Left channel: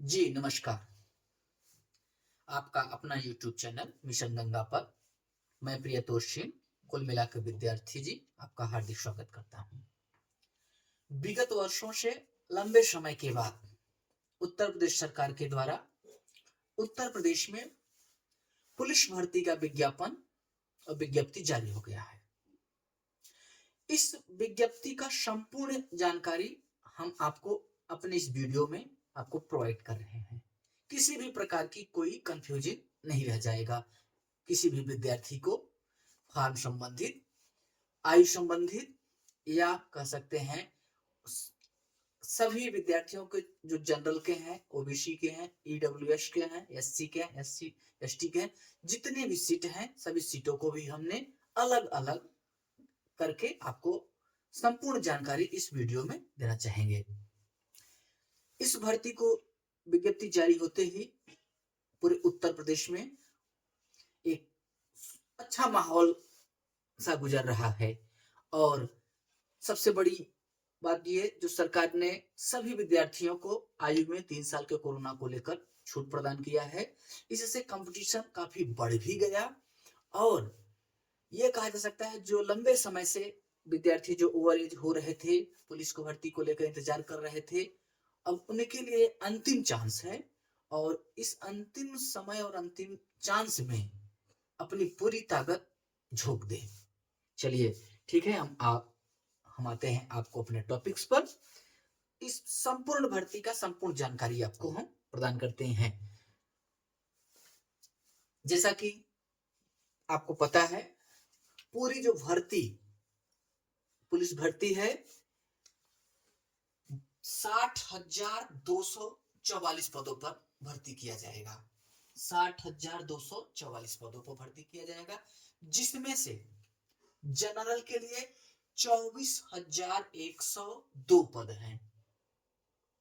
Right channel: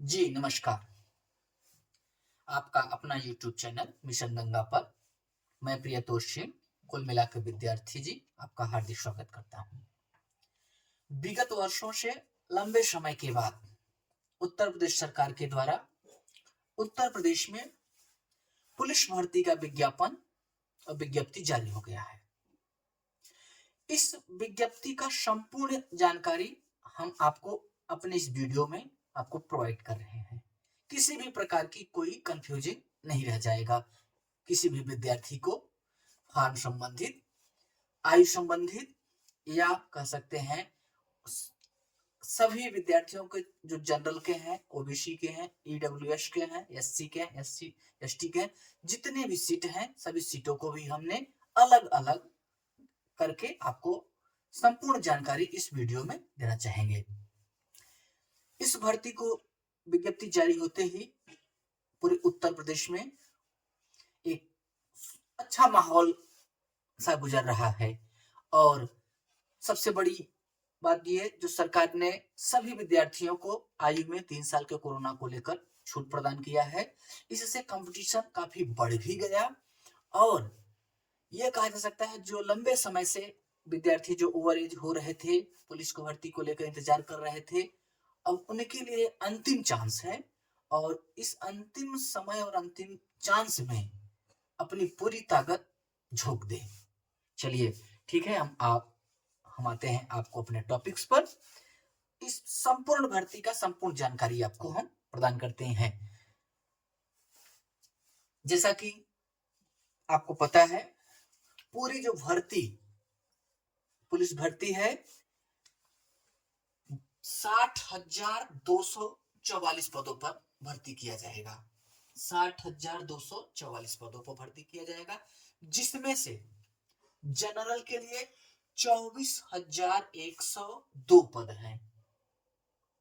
जी, नमस्कार। आपका अपना यूट्यूब चैनल मिशन गंगा पर मैं प्रियतोष सिंह, कुल मिलाकर विद्यार्थी जी, आपका हार्दिक स्वागत करता हूँ। विगत वर्षों से लंबे समय के बाद उत्तर प्रदेश सरकार के द्वारा उत्तर प्रदेश में पुलिस भर्ती का विज्ञापन और विज्ञप्ति जारी हो गया है। इस विज्ञप्ति का संपूर्ण जानकारी हम आपको अपने इस वीडियो में आपको प्रोवाइड कर रहे हैं। किसी भी प्रकार की कोई कंफ्यूजिंग नहीं रह जाएगा। किसी भी विद्यार्थी को फॉर्म संबंधित, आयु संबंधित या कह सकते हैं सभी विद्यार्थियों के जो जनरल के हैं, ओबीसी के हैं, ईडब्ल्यूएस के हैं, एससी के हैं, एससी एसटी के हैं, जितने भी सीट हैं सभी सीटों को भी हमने अलग अलग करके आपको संपूर्ण जानकारी इस वीडियो में देना चाहेंगे। इस भर्ती को विज्ञप्ति जारी होते ही पूरे उत्तर प्रदेश में एक अच्छा माहौल सा गुजर रहा है और सबसे बड़ी बात यह जो सरकार ने सभी विद्यार्थियों को आयु में 3 साल के कोरोना को लेकर छूट प्रदान किया है। इससे कंपटीशन काफी बढ़ भी गया और यह कहा जा सकता है जो लंबे समय से विद्यार्थी जो ओवर एज हो रहे थे, पुलिस को भर्ती को लेकर इंतजार कर रहे थे, अब उनके लिए अंतिम चांस है और इस अंतिम समय और अंतिम चांस में अपनी पूरी ताकत झोंक दें। चलिए ठीक है, हम आते हैं आपको अपने टॉपिक्स पर। इस संपूर्ण भर्ती का संपूर्ण जानकारी आपको हम प्रदान करते हैं। जैसा कि आपको पता है पूरी जो भर्ती पुलिस भर्ती है 60,244 पदों पर भर्ती किया जाएगा। 60,244 पदों पर भर्ती किया जाएगा, जिसमें से जनरल के लिए 24,102 पद हैं।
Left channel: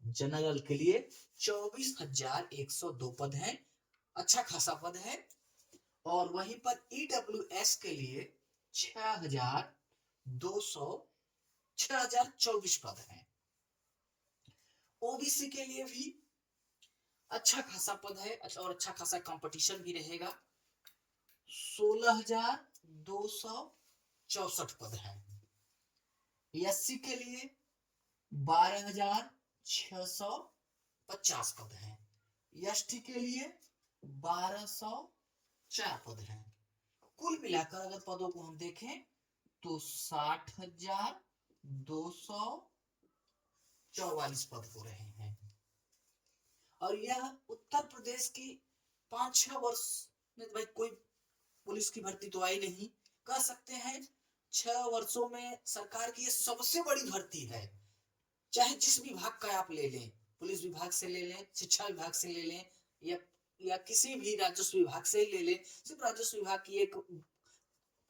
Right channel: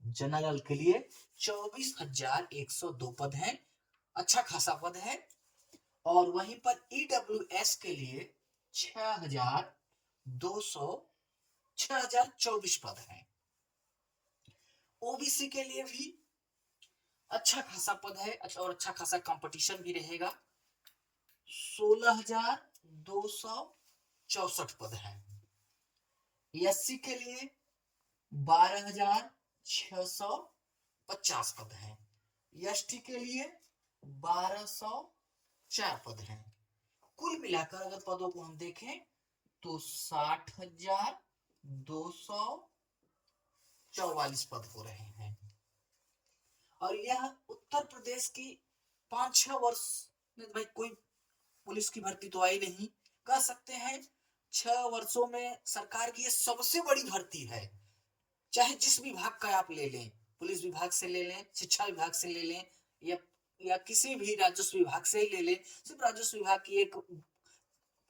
जनरल के लिए 24,102 पद हैं, अच्छा खासा पद है। और वहीं पर ईडब्ल्यूएस के लिए 6,24 पद हैं। ओबीसी के लिए भी अच्छा खासा पद है और अच्छा खासा कंपटीशन भी रहेगा। 16,264 पद है। एससी के लिए 12,650 पद है। एसटी के लिए 1,204 पद हैं। कुल मिलाकर अगर पदों को हम देखें तो 60,244 पद हो रहे हैं और यह उत्तर प्रदेश की 5-6 वर्ष में भाई कोई पुलिस की भर्ती तो आई नहीं, कह सकते हैं 6 वर्षों में सरकार की यह सबसे बड़ी भर्ती है। चाहे जिस विभाग का आप ले लें, पुलिस विभाग से ले लें, शिक्षा विभाग से ले लें या किसी भी राजस्व विभाग से ले लें, सिर्फ राजस्व विभाग की एक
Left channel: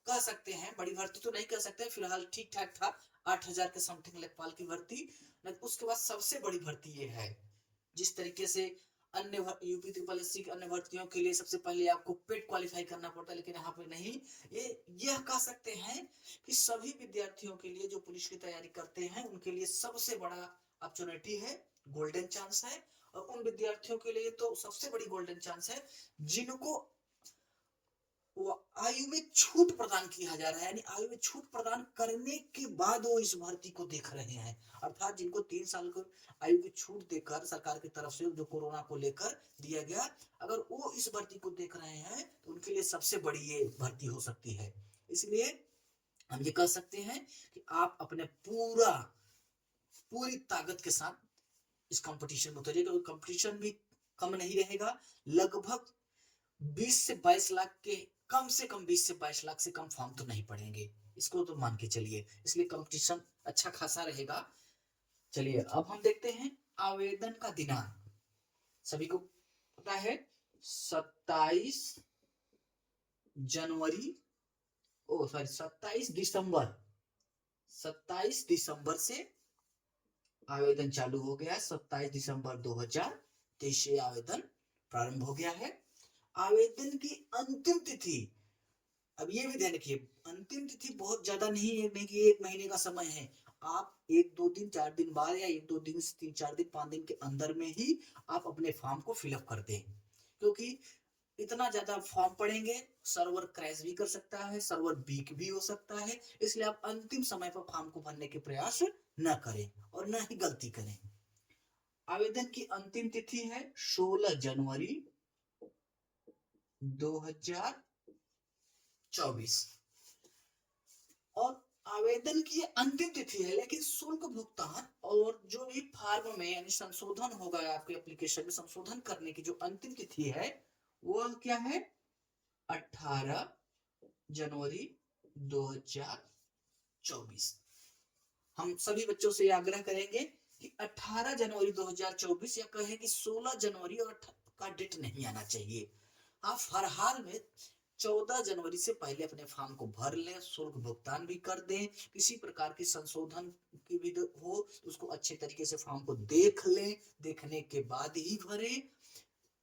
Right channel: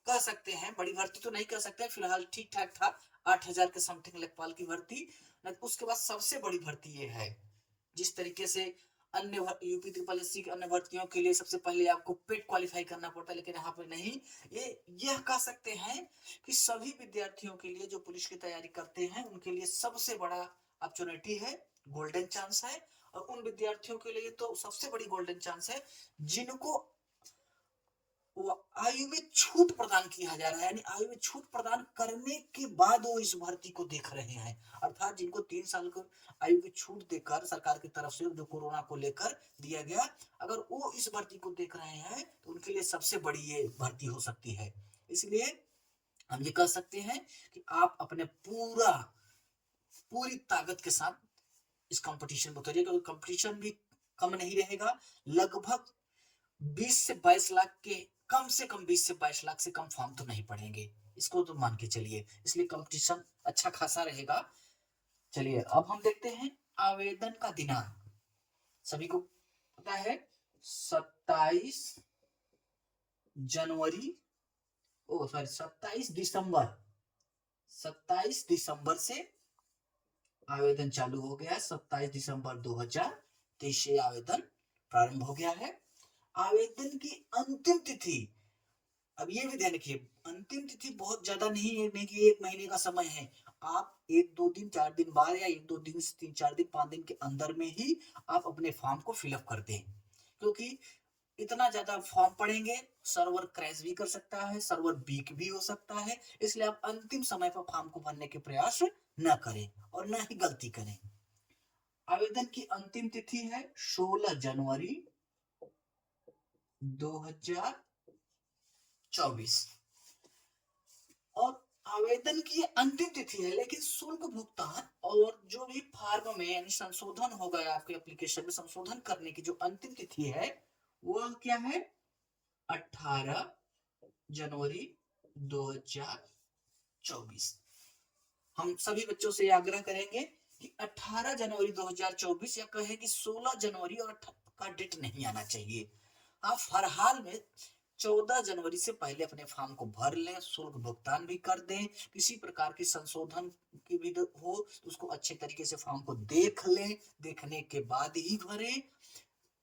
कह सकते हैं बड़ी भर्ती तो नहीं कह सकते, फिलहाल ठीक ठाक था 8,000 के समथिंग लेखपाल की भर्ती। उसके बाद सबसे बड़ी भर्ती ये है। जिस तरीके से अन्य यूपी ट्रिपल एससी की अन्य भर्तियों के लिए सबसे पहले आपको पेट क्वालिफाई करना पड़ता है, लेकिन यहाँ पे नहीं। यह कह सकते हैं कि सभी विद्यार्थियों के लिए जो पुलिस की तैयारी करते हैं उनके लिए सबसे बड़ा अपॉर्चुनिटी है, गोल्डन चांस है। और उन विद्यार्थियों के लिए तो सबसे बड़ी गोल्डन चांस है जिनको आयु में छूट प्रदान किया जा रहा है, यानी आयु में छूट प्रदान करने के बाद वो इस भर्ती को देख रहे हैं। अर्थात जिनको 3 साल को आयु की छूट देकर सरकार की तरफ से जो कोरोना को लेकर दिया गया, अगर वो इस भर्ती को देख रहे हैं तो उनके लिए सबसे बड़ी ये भर्ती हो सकती है। इसलिए हम ये कह सकते हैं कि आप अपने पूरी ताकत के साथ इस कंपटीशन में उतरिए, क्योंकि कंपटीशन भी कम नहीं रहेगा। लगभग 20 से 22 लाख के कम से कम 20 से 22 लाख से कम फॉर्म तो नहीं पड़ेंगे, इसको तो मान के चलिए। इसलिए कंपटीशन अच्छा खासा रहेगा। चलिए अब हम देखते हैं आवेदन का दिनांक। सभी को पता है 27 जनवरी 27 दिसंबर 27 दिसंबर से आवेदन चालू हो गया। 27 दिसंबर 2023 से आवेदन प्रारंभ हो गया है। आवेदन की अंतिम तिथि, अब ये भी ध्यान रखिए, अंतिम तिथि बहुत ज्यादा नहीं है कि 1 महीने का समय है। आप 1-2 दिन 4 दिन बाद या 1-2 दिन से 3-4 दिन 5 दिन के अंदर में ही आप अपने फॉर्म को फिलअप कर दें, क्योंकि इतना ज्यादा फॉर्म पड़ेंगे सर्वर क्रैश भी कर सकता है, सर्वर वीक भी हो सकता है। इसलिए आप अंतिम समय पर फॉर्म को भरने के प्रयास न करें और न ही गलती करें। आवेदन की अंतिम तिथि है 16 जनवरी 2024 और आवेदन की अंतिम तिथि है, लेकिन शुल्क भुगतान और जो भी फॉर्म में यानी संशोधन हो गया आपके एप्लीकेशन में संशोधन करने की जो अंतिम तिथि है वह क्या है 18 जनवरी 2024। हम सभी बच्चों से आग्रह करेंगे कि 18 जनवरी 2024 या कहें कि 16 जनवरी और का डेट नहीं आना चाहिए। आप हर हाल में 14 जनवरी से पहले अपने फॉर्म को भर लें, शुल्क भुगतान भी कर दें। किसी प्रकार की संशोधन की भी हो तो उसको अच्छे तरीके से फॉर्म को देख लें, देखने के बाद ही भरें।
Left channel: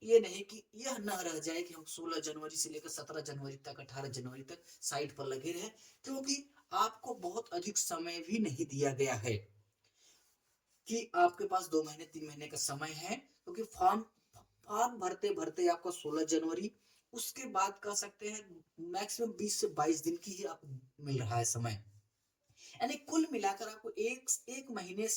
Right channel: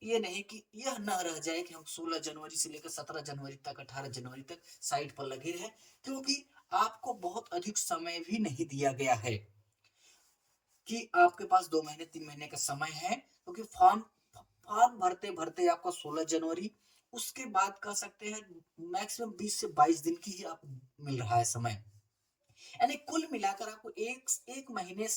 ये नहीं कि यह न रह जाए कि हम 16 जनवरी से लेकर 17 जनवरी तक 18 जनवरी तक साइट पर लगे रहे, क्योंकि आपको बहुत अधिक समय भी नहीं दिया गया है कि आपके पास 2 महीने 3 महीने का समय है, क्योंकि फॉर्म भरते भरते आपका 16 जनवरी, उसके बाद कह सकते हैं मैक्सिमम 20 से 22 दिन की ही आप मिल रहा है समय। यानी कुल मिलाकर आपको एक महीने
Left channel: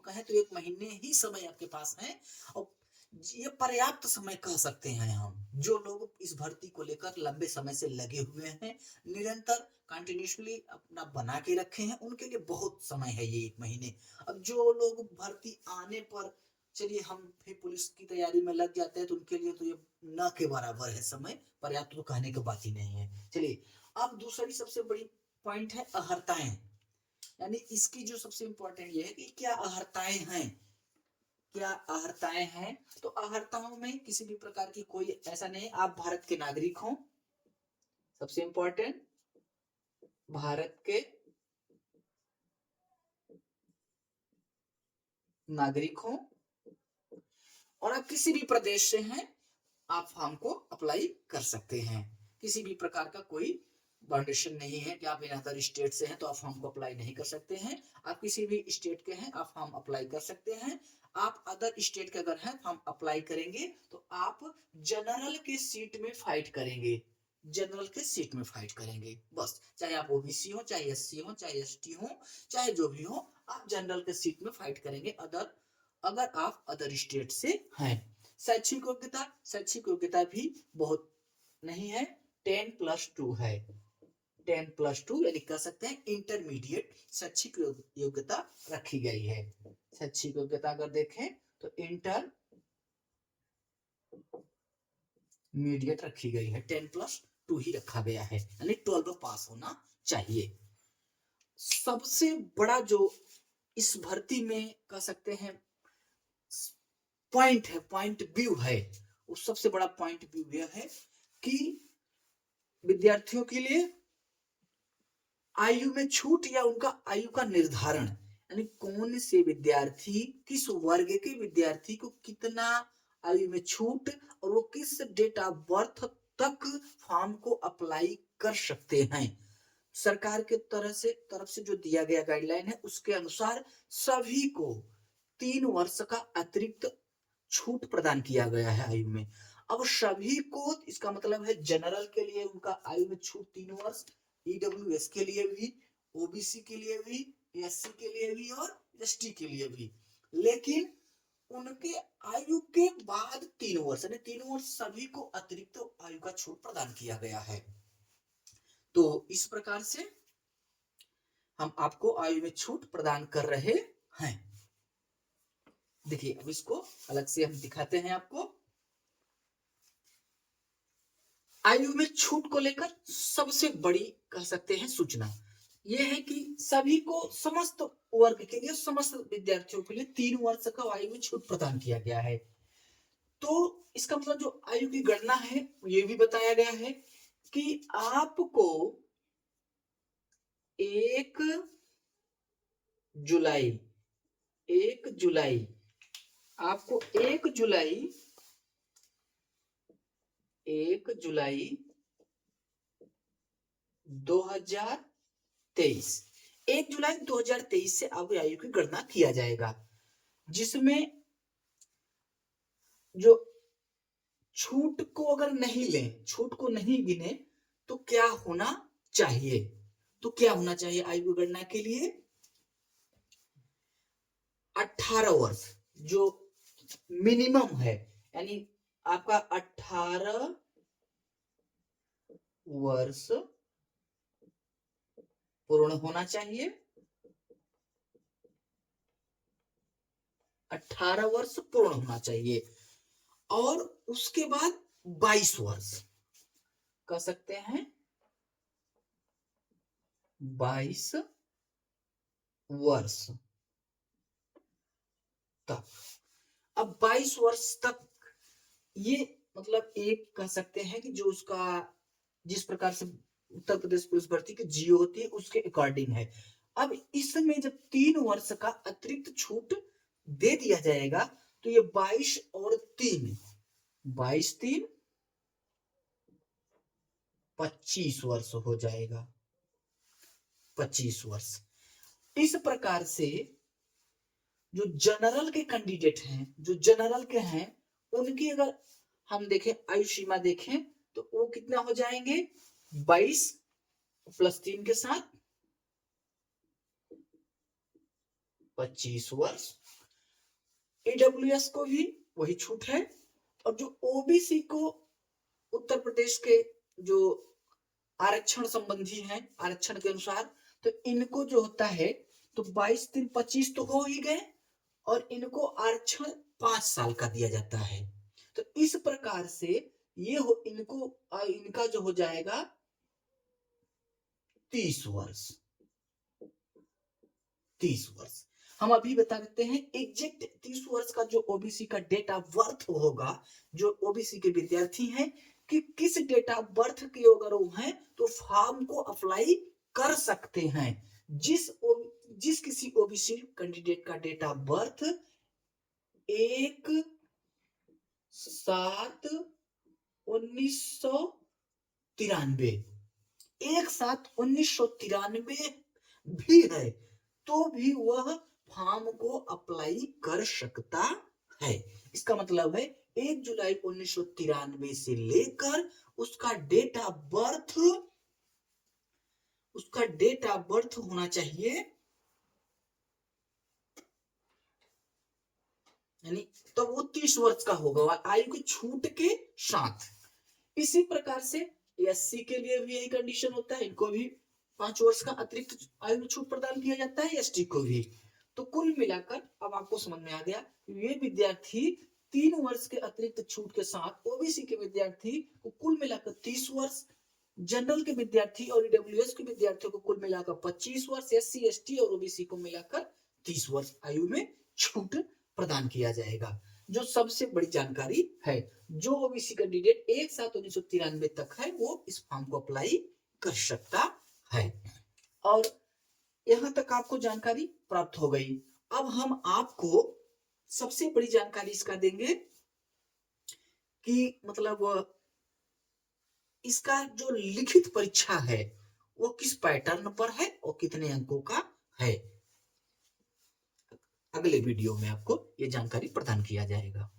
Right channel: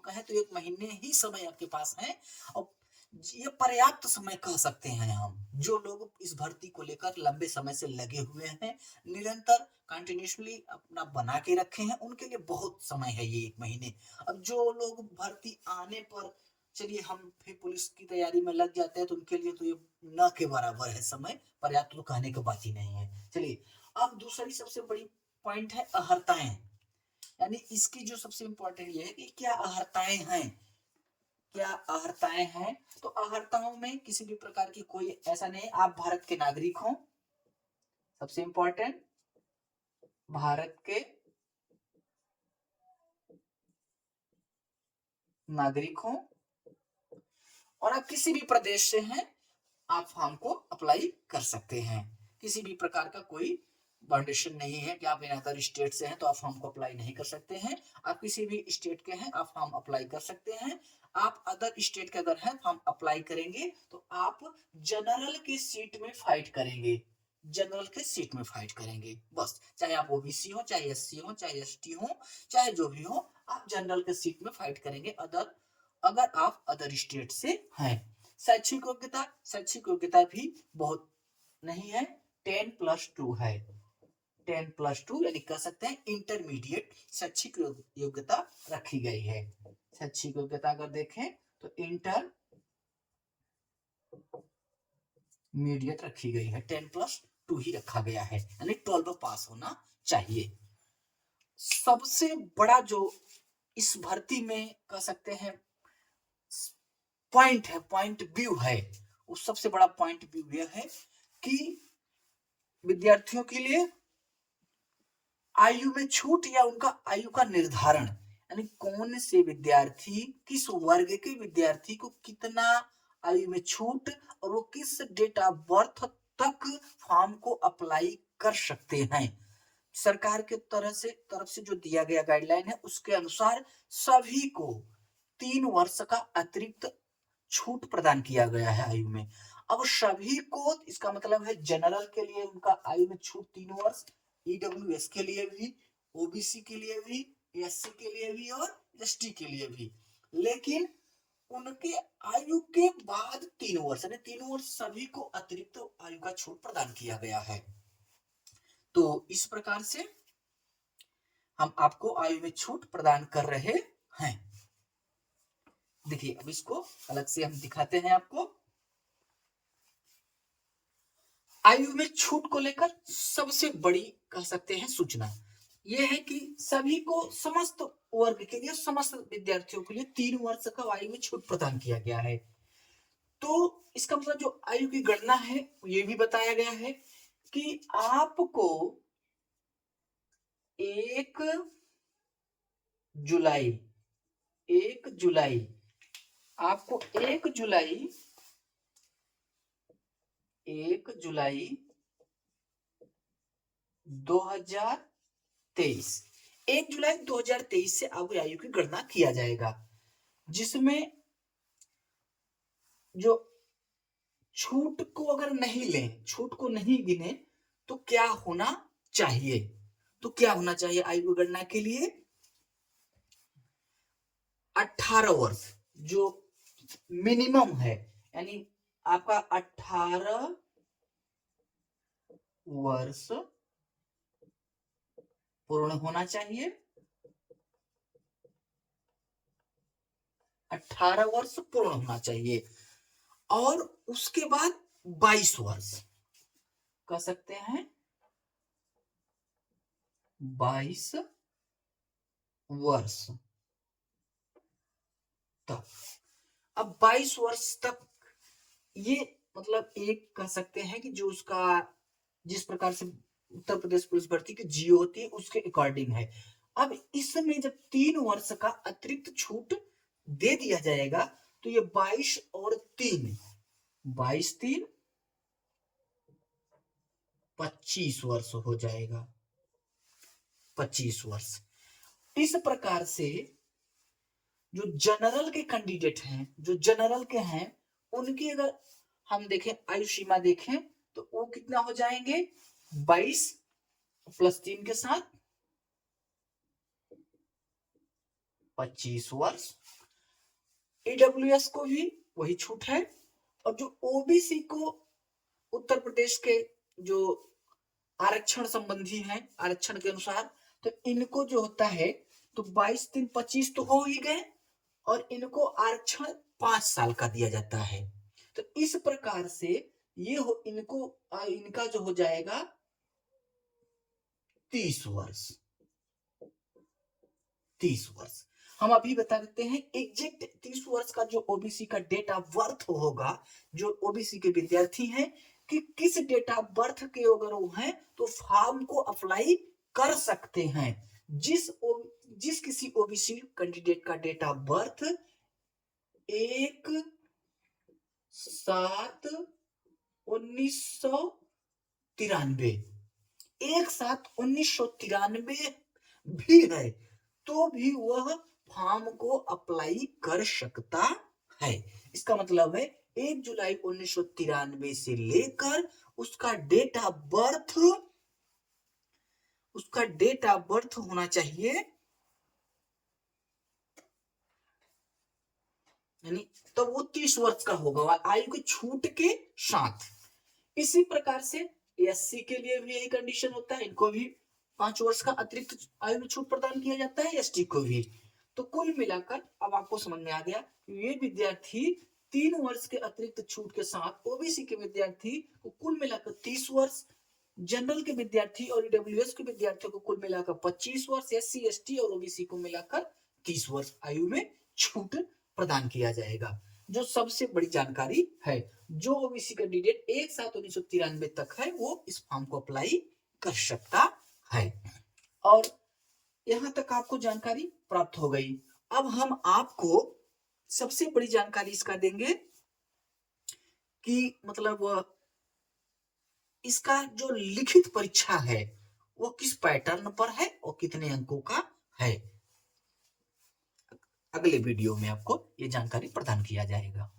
कहें तो 1 महीने ही समय आपके पास है और ये पर्याप्त समय कह सकते हैं हम। जो लोग इस भर्ती को लेकर लंबे समय से लगे हुए हैं, निरंतर कंटिन्यूसली अपना बना के रखे हैं, उनके लिए बहुत समय है ये 1 महीने। अब जो लोग भर्ती आने पर चलिए हम फिर पुलिस की तैयारी में लग जाते हैं तो उनके लिए तो ये न के बराबर है समय, पर्याप्त तो कहने की बात ही नहीं है। चलिए अब दूसरी सबसे बड़ी पॉइंट है अहर्ताएं, यानी इसकी जो सबसे इंपॉर्टेंट ये है कि क्या अहर्ताएं हैं, क्या अहर्ताएं हैं। तो अहर्ताओं में किसी भी प्रकार की कोई ऐसा नहीं है, आप भारत के नागरिक हो, सबसे इंपॉर्टेंट भारत के नागरिक हो और आप किसी भी प्रदेश से हैं, आप फॉर्म को अप्लाई कर सकते हैं। किसी भी प्रकार का कोई बाउंडेशन नहीं है कि आप इन अदर स्टेट से हैं तो आप फॉर्म को अप्लाई नहीं कर सकते हैं। आप किसी भी स्टेट के हैं आप फॉर्म अप्लाई कर सकते हैं। आप अदर स्टेट के अगर हैं फॉर्म अप्लाई करेंगे तो आप जनरल के सीट में फाइट करेंगे, जनरल के सीट में फाइट करेंगे बस। चाहे आप ओबीसी हो, चाहे एससी हो, चाहे एसटी हो, चाहे जो भी हो, आप जनरल के सीट में फाइट करेंगे अगर आप अदर स्टेट से हैं। शैक्षिक योग्यता भी बहुत नहीं है, 10+2 है, 10+2 यानी कह सकते हैं इंटरमीडिएट शैक्षिक योग्यता रखी गई है। शैक्षिक योग्यता अगर देखें तो इंटरमीडिएट रखी गई है, 10+2 ही रखा गया है, यानी 12 पास होना चाहिए। सबसे बड़ा जो इस भर्ती में कह सकते हैं पॉइंट है, पॉइंट व्यू है, उस सबसे बड़ा पॉइंट व्यू यह है कि विद्यार्थियों के लिए आयु में छूट या उनका आयु का निर्धारण, यानी कौन से विद्यार्थी किस वर्ग के विद्यार्थी को कितना आयु में छूट और वो किस डेट ऑफ बर्थ तक फॉर्म को अप्लाई कर सकते हैं। सरकार के तरफ से जो दिया गया गाइडलाइन है उसके अनुसार सभी को 3 वर्ष का अतिरिक्त छूट प्रदान किया गया है आयु में। अब सभी को इसका मतलब है जनरल के लिए उनका आयु में छूट 3 वर्ष, ईडब्ल्यूएस के लिए भी, ओबीसी के लिए भी, एससी के लिए भी और एसटी के लिए भी। लेकिन उनके आयु के बाद 3 वर्ष यानी 3 वर्ष सभी को अतिरिक्त आयु का छूट प्रदान किया गया है। तो इस प्रकार से हम आपको आयु में छूट प्रदान कर रहे हैं। देखिए अब इसको अलग से हम दिखाते हैं आपको। आयु में छूट को लेकर सबसे बड़ी कह सकते हैं सूचना यह है कि सभी को समस्त वर्ग के लिए समस्त विद्यार्थियों के लिए 3 वर्ष का आयु में छूट प्रदान किया गया है। तो इसका मतलब जो आयु की गणना है ये भी बताया गया है कि आपको 1 जुलाई 2023 1 जुलाई 2023 से अब आयु की गणना किया जाएगा, जिसमें जो छूट को अगर नहीं लें, छूट को नहीं गिने, तो क्या होना चाहिए? तो क्या होना चाहिए आयु की गणना के लिए? 18 वर्ष जो मिनिमम है, यानी आपका 18 वर्ष पूर्ण होना चाहिए। 18 वर्ष पूर्ण होना चाहिए और उसके बाद 22 वर्ष कह सकते हैं, 22 वर्ष तक। अब 22 वर्ष तक ये मतलब एक कह सकते हैं कि जो उसका जिस प्रकार से उत्तर प्रदेश पुलिस भर्ती की जियो होती है उसके अकॉर्डिंग है। अब इसमें जब 3 वर्ष का अतिरिक्त छूट दे दिया जाएगा तो ये 22 और 3 22 3 25 वर्ष हो जाएगा। 25 वर्ष। इस प्रकार से जो जनरल के कैंडिडेट हैं, जो जनरल के हैं, उनकी अगर हम देखें आयु सीमा देखें तो वो कितना हो जाएंगे, 22 प्लस 3 के साथ 25 वर्ष। ईडब्ल्यूएस को भी वही छूट है। और जो ओबीसी को उत्तर प्रदेश के जो आरक्षण संबंधी है, आरक्षण के अनुसार, तो इनको जो होता है तो 22 3 25 तो हो ही गए और इनको आरक्षण 5 साल का दिया जाता है। तो इस प्रकार से ये हो इनको इनका जो हो जाएगा 30 वर्ष। 30 वर्ष हम अभी बता देते हैं एग्जैक्ट 30 वर्ष का जो ओबीसी का डेट ऑफ बर्थ होगा, जो ओबीसी के विद्यार्थी हैं कि किस डेट ऑफ बर्थ के अगर वो हैं तो फॉर्म को अप्लाई कर सकते हैं। जिस किसी ओबीसी कैंडिडेट का डेट ऑफ बर्थ 1/7/1993 1/7/1993 भी है तो भी वह फॉर्म को अप्लाई कर सकता है। इसका मतलब है 1 जुलाई 1993 से लेकर उसका डेट ऑफ बर्थ होना चाहिए, यानी तब वो 30 वर्ष का होगा आयु की छूट के साथ। इसी प्रकार से एससी के लिए भी यही कंडीशन होता है, इनको भी 5 वर्ष का अतिरिक्त आयु में छूट प्रदान किया जाता है, एसटी को भी। तो कुल मिलाकर अब आपको समझ में आ गया ये विद्यार्थी 3 वर्ष के अतिरिक्त छूट के साथ ओबीसी के विद्यार्थी को कुल मिलाकर 30 वर्ष, जनरल के विद्यार्थी और ईडब्ल्यूएस के विद्यार्थियों को कुल मिलाकर 25 वर्ष, एससी एसटी और ओबीसी को मिलाकर 30 वर्ष आयु में छूट प्रदान किया जाएगा। जो सबसे बड़ी जानकारी है, जो ओबीसी कैंडिडेट 1/7/1993 तक है वो इस फॉर्म को अप्लाई कर सकता है। और यहां तक आपको जानकारी प्राप्त हो गई। अब हम आपको सबसे बड़ी जानकारी इसका देंगे कि मतलब इसका जो लिखित परीक्षा है वो किस पैटर्न पर है और कितने अंकों का है। अगले वीडियो में आपको ये जानकारी प्रदान किया जाएगा।